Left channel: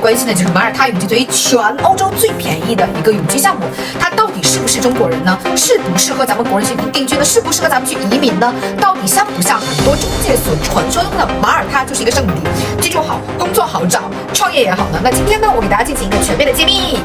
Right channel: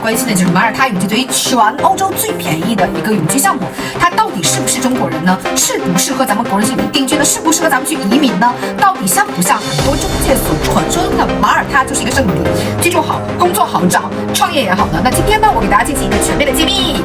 关心的就是马耳他永居作为全欧洲最便宜的一个永居项目，它到底是不是中国人呢？适不适合咱们国人去定居呢？适不适合咱们去移民呢？到底像不像很多中介所传说中的马耳他就是一个圣地？居住好，工作好找，创业也好呢？那今天呢，我给大家进行一个全面的揭秘。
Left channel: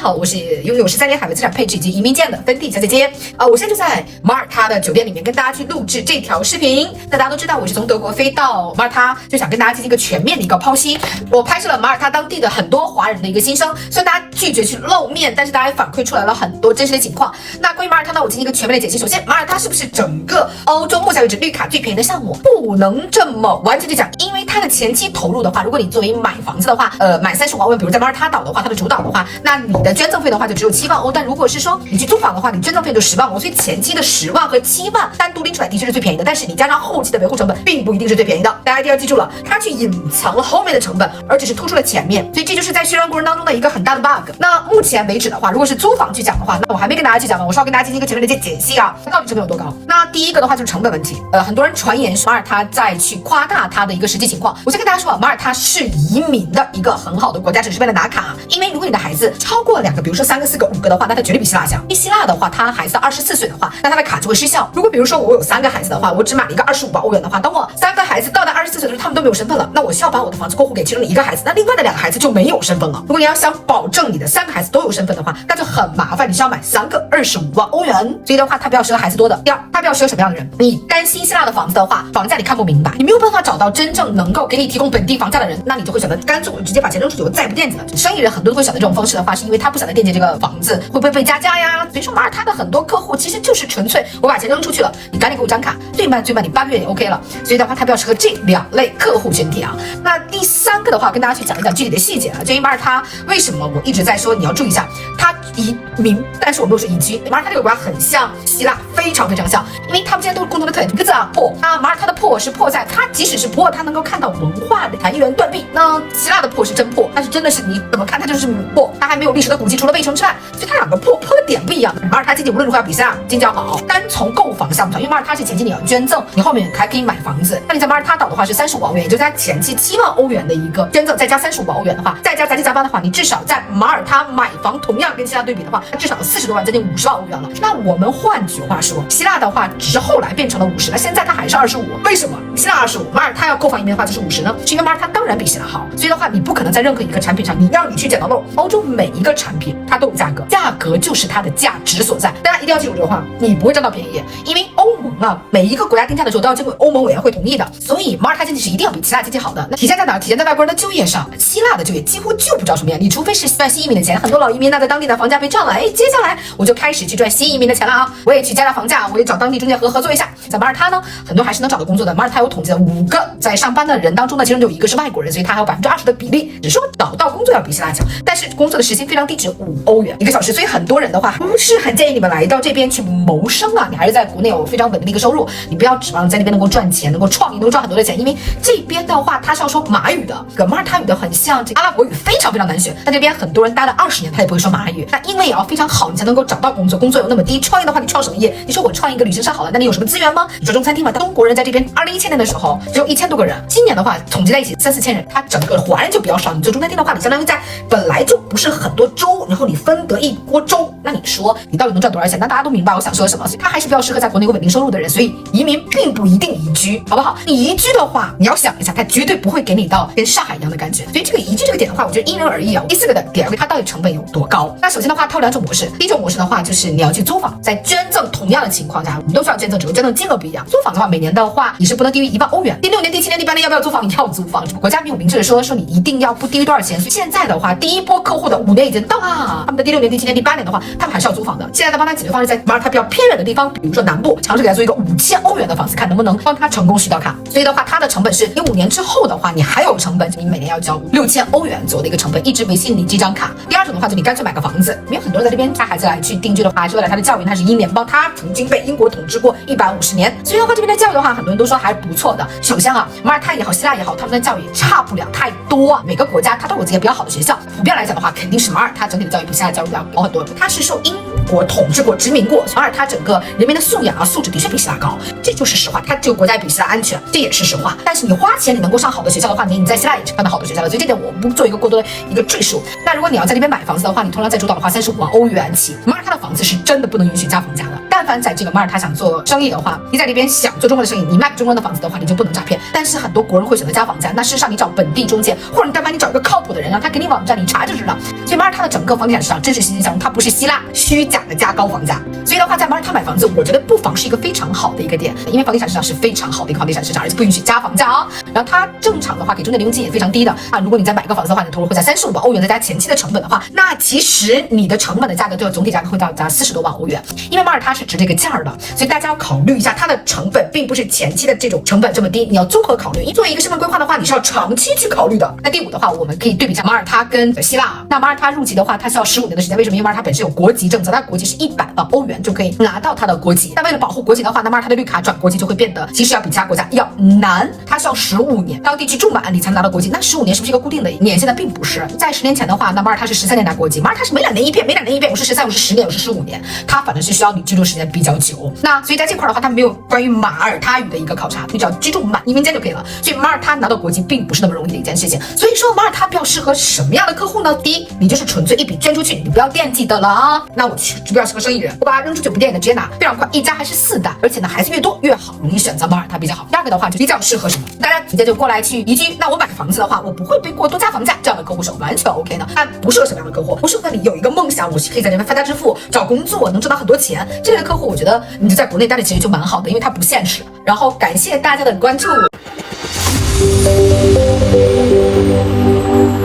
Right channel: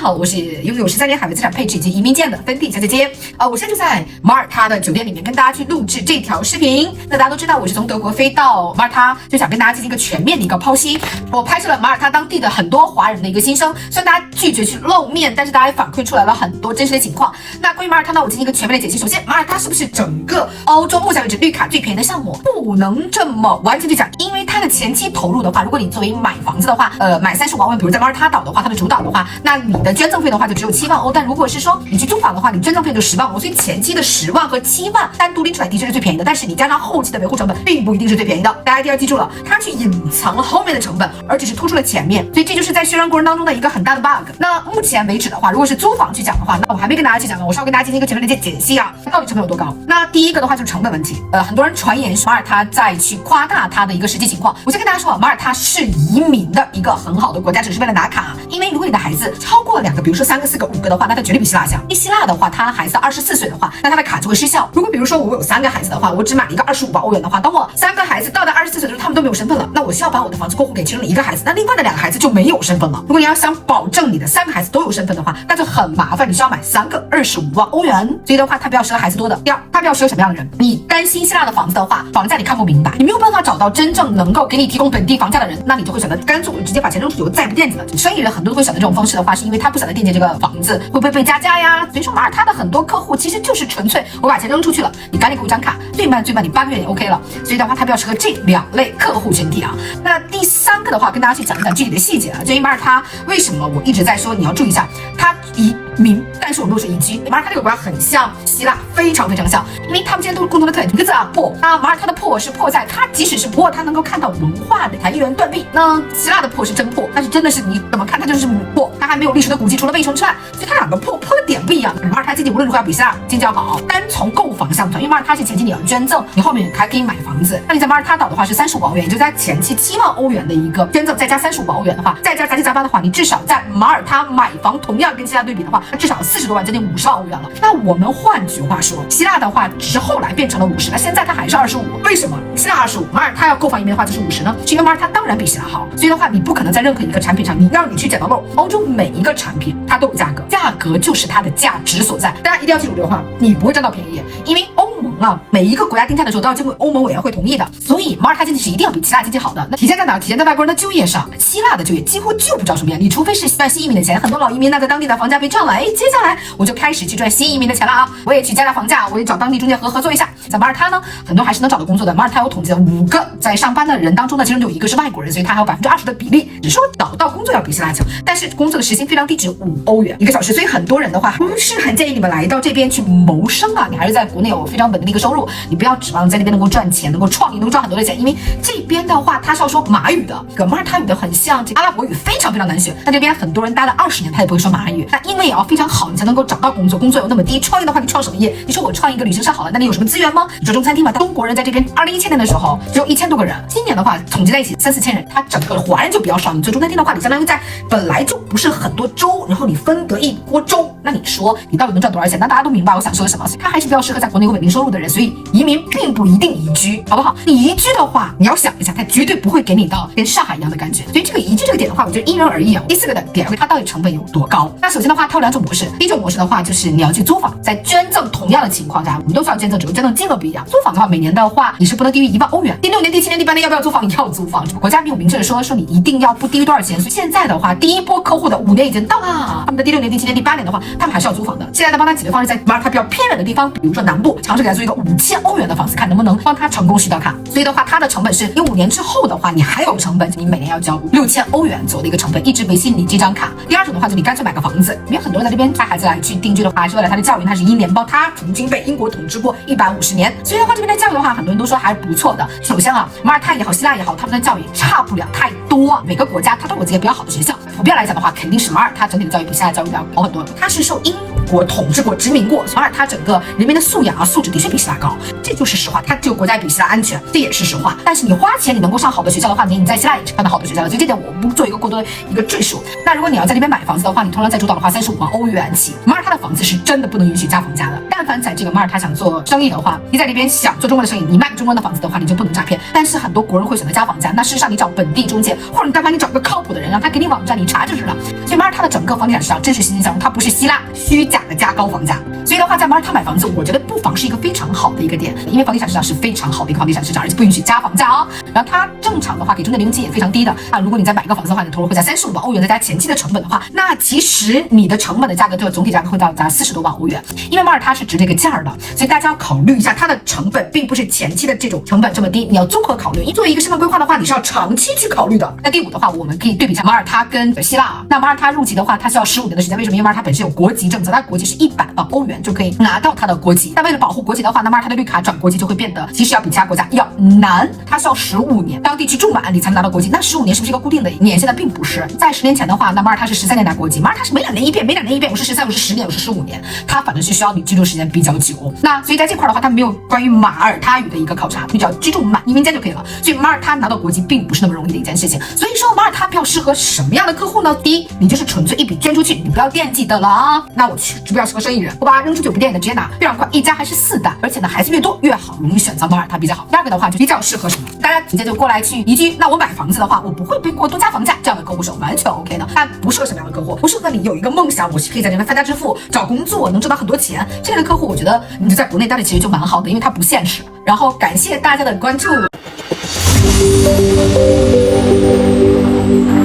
好，我是拥有13年海外资产配置以及移民件的芬蒂小姐姐。我现在就在马耳他的酒店里面跟大家去录制这条视频。那大家都知道，我是从德国飞到马耳他，就想跟大家进行一个全面的一个剖析。我拍摄了马耳他当地的很多华人的一个心声，虽然大家拒绝去露面，但是大家也反馈出来了很多真实的情况。那关于马耳他呢，我进行一个全面的解析。首先，马耳他是不是整个欧洲目前为止绿卡最便宜的项目？不能这么完全去讲，因为它的前期投入的话，如果你作为买房子的话，买35万欧元，比如在马耳他岛的话，它的主岛的话，那你的捐赠费的话就只有7万欧，但如果是说你去租房的话，你捐赠费就10万欧，所以前期的10万和7万单独拎出来的确是最便宜的，但是你加上后期的维护成本，并不一定是最便宜的。大家一定要记住了，它去隐藏了后面的成本，而只是突出了前面，所以这就是在宣传过程当中的一个很大的 bug。那目前为止的话，如果是租房去讲的话，那我还没跟大家去讲呢，我是要跟大家进行一个全面的解析啊，到底成本有多高？那第一个的话就是成本问题，很多人传言马耳他在去夸大它的一个实际情况。我先跟大家说啊，马耳他是移民的一个很好的国家，只是为了拿卡，因为如果你的孩子超过2个，比如说3个、4个、5个的话，那它绝对比希腊强。因为希腊的话，他孩子到24岁的话，那他的卡就会失效。如果比如说我有3个孩子的话，我只买了一个25万欧元的话，当我3个孩子到了24岁的时候，他们都没有身份了，那我需要把我的房子过户给其中的1个孩子，那另外的2个孩子就没有身份了。如果你要想保证你的3个孩子都有身份的话，那就很麻烦，你需要买3个25万欧元。所以的话，它比较适合孩子多的。第二，它比较适合什么样的人？你担心希腊的房子的话，房价你看不明白，你没有办法找到真正能够给你提供本地房价的人，那你就会选择干脆我直接把钱扔出去，我再也不惦记了。生意人很多都会选择这种方式的话，是因为他不想再惦记这个房子会不会被加价呀。所以说马耳他的很多客户其实就是纯粹我把钱扔出去了，你赶紧给我张卡，最慢你8个月也 OK 了。所以的话，它比较适合这2类客户群体啊。那第3个的话，跟大家去讲一讲具体的细节啊。至于马耳他为什么我一直在说你要注意一下，它移民，但是我没有说移居。马耳他这个国家很像希腊，非常非常像，因为他们之间都有共同的特点，一个字啊，破。那马耳他的破是破在它即使是破，它能够看到文化的一元断壁。那希腊的破是真破，但是真的是你怎么看它就是破，它还没有历史的古迹，除了卫城之外，所以它2个破的点不一样。马耳他经济无论如何要比希腊经济要好。单从购房项目上，因为马耳他是前期你要捐赠，你后面还可以买房子。那你在马耳他岛的话是35万欧元，也就是它前期7万欧元的一个捐赠，再加35万欧元的话，再加杂七杂八的话，你至少在马耳他买房，同样跟希腊对比的话，至少40多万，将近50万欧元了。那我们换句话说，希腊的话只是后来变成了50，那现在它还是25。为什么希腊25，马耳他要购房移民的话就是50呢？是因为马耳他当然比希腊好，所以的话你不可能在任何一个产品上，你让你去捡到漏。欧洲每一个产品它都有价格，价格就是它的价值所在。大家一定要记住这个话，你不会占到便宜，因为欧盟啊，每一个国家定价的时候都要经过欧盟委员会同意的，所以马耳他经济是一定要比希腊经济好的。那体现在哪？体现在外国人的就业上。希腊的就业几乎就不知道什么样，你除非是赚新移民的钱，很多老移民那在当地的房价被涨了，接下来我就开始去赚新移民的钱了啊！我也去加价房价，我也找当地中介合作一下。在马耳他呢，很多还是能找到工作的。马耳他有统计的5个在上班的人当中呢，其中就有1个是外国人，所以他还有20%的比例。只是说找到工作要比希腊强，但是工作的时薪非常低，只有5欧元1个小时，所以很多人的话不是很建议你们来到这边去谋生啊，你还是在国内有非常稳定的一个收入，你不要指望在那边能够赚钱，能够创业，能够赚很多的钱，因为这边的话它是要说马语的，跟马耳他语的很像，这阿拉伯语非常非常难学。在这边很多人待了20年，他也不会说马语。那英文也要非常好，你才能够找到工作，工作有那么低。创业的话，你创什么业？你说我创一个旅行社好了，那你有什么资源吗？你说中餐厅嘛，中国人在这边2017年的时候只有1000多个人，今年的话统计在一起3、4千人，他整个华人就比较少。你做中餐厅的话，你相当于在本来就不是很多粥，然后你分得一锅粥，那你说你到底能赚多少钱？那大家都明白我想说什么，所以他还是比较适合在国内有稳定收入的人，所以移民并不一定移居，好不好？你移居的话，你要想一下，他绝对不会给你到跟上海一样的感觉，所以这个移居这个点的话，我觉得因人而异啊。第4个的点，它到底成本有多高？那首先的话，它有2种模式。第一种模式的话，就是你要去租房，在捐赠同样的情况下，我们都需要捐赠，只不过捐赠金额不一样。租房的话，每年的话你是不能低于1万欧元。第6年、第7年、第8年要不要租房？你要租房，国家没有明确的说你一定要不低于多少钱。所以现在的话，第一波客户的5年已经到了，他们的第6年、第7年、第8年的话，他们还是要租房的。现在的帮他解决方式在马耳他比较偏远的地方，比如说南部，尝试给他做一个5000欧元的房子，看能不能帮他成功续到卡。所以的话，它的成本是因为5年之后的话，你还有成本，你每年要交6000欧元左右的一个成本，一直维系你这张卡。第2种的话，就你干脆买个房子，因为很多人在这边带孩子来去定居的话，是为了他的教育，他是英联邦，他曾经被英国统治过150年，所以的话这边的教育的话，很多人都说还是不错的。首先啊，马耳他也好，希腊也好，他们的教育差不了太多，每个国家它都有自己比较好的学校。普遍来讲的话，肯定是马耳他整体的教育比希腊教育要好很多。它是受英国统治过、殖民过，马耳他整个人民的素养素质的确比希腊高，这就是实话。它这个国家比希腊安全，这也是实话。但是你花钱你能够上好的学校的话，你在希腊也是上到好的学校了，所以这点我不做一个过多的一个赘述。那如果你要在这边买房子的话，你通常在主导的话35万欧元起。马耳他的房子是真的不能允许加房价的。但凡在这个马耳他想做生意的话，你在这边想做中国的生意，你卖中国的房子的话，你就不能诈骗。但是很多国人会选择加房价，那事实上你找本地中介，或者你但凡你找一个靠谱的人，让他给你网站你查就知道。所以马耳他的整个房地产市场真是欣欣向荣，它不是希腊虚假的加高房价。所以的话，在马耳他买房子，我觉得不妨是一个非常好的一个点，因为房地产市场是非常好的一个房地产市场，而且不允许加房价啊。然后它正常的话给中介零用金也非常低的啊。如果你再买一个房子的话，你的投入会在35万欧元，再加前期的成本的话，那其实你的成本的价格，这个总体价格会到达40多万欧元。因为马耳他是值这个价的，所以大家要考虑一下它的成本，并不是前期的这种成本这么低，你要综合考虑。作为一个生活规划的话，你是要长期去考虑的。那第5的话，我们可以对比一下马耳他跟希腊。那马耳他入籍的话，它需要15年的时间，为什么？因为马耳他本身有国籍政策，它国籍是100万欧元就可以拿到它的国籍。那为了保护国籍的话，那马耳他的绿卡转国籍就会变得其实要比其他国家要难，它需要15年，当地区重版案例才能拿到国籍。那15年是不是一个固定的年限呢？并不是。在10年前的话，那马耳他是13年拿国籍，马耳他是每2年一变，我是13，我是10年，我是15年，它反正是需要你居住时间比较久。那所以在这块的话，它没有关于马耳他语的一个考察，你只要居住满移民间就可以了。所以马耳他拿到国籍并不是那么容易的一件事情。所以说马耳他比较适合什么样的客户呢？第一，你就是纯粹一笔捐出去，你不要惦记的了啊。那我去比较适合生意人，我把它扔出去不惦记的直接拿，非常快，一家还是4代，而且呢孩子越多越好，容易选择马耳他比较好。第二个的话就比较适合什么？大家直接就过来去移居。那我买房子的话，我不会被过多加房价，这样的客户是完全 OK 的。但不适合什么样的客户？不适合你有一个梦想，我是可以在这边发家致富，找工作能挣到很多钱，这类的客户我觉得你就在国内待着其实就蛮好的，因为它不现实。然后感谢大家的关注。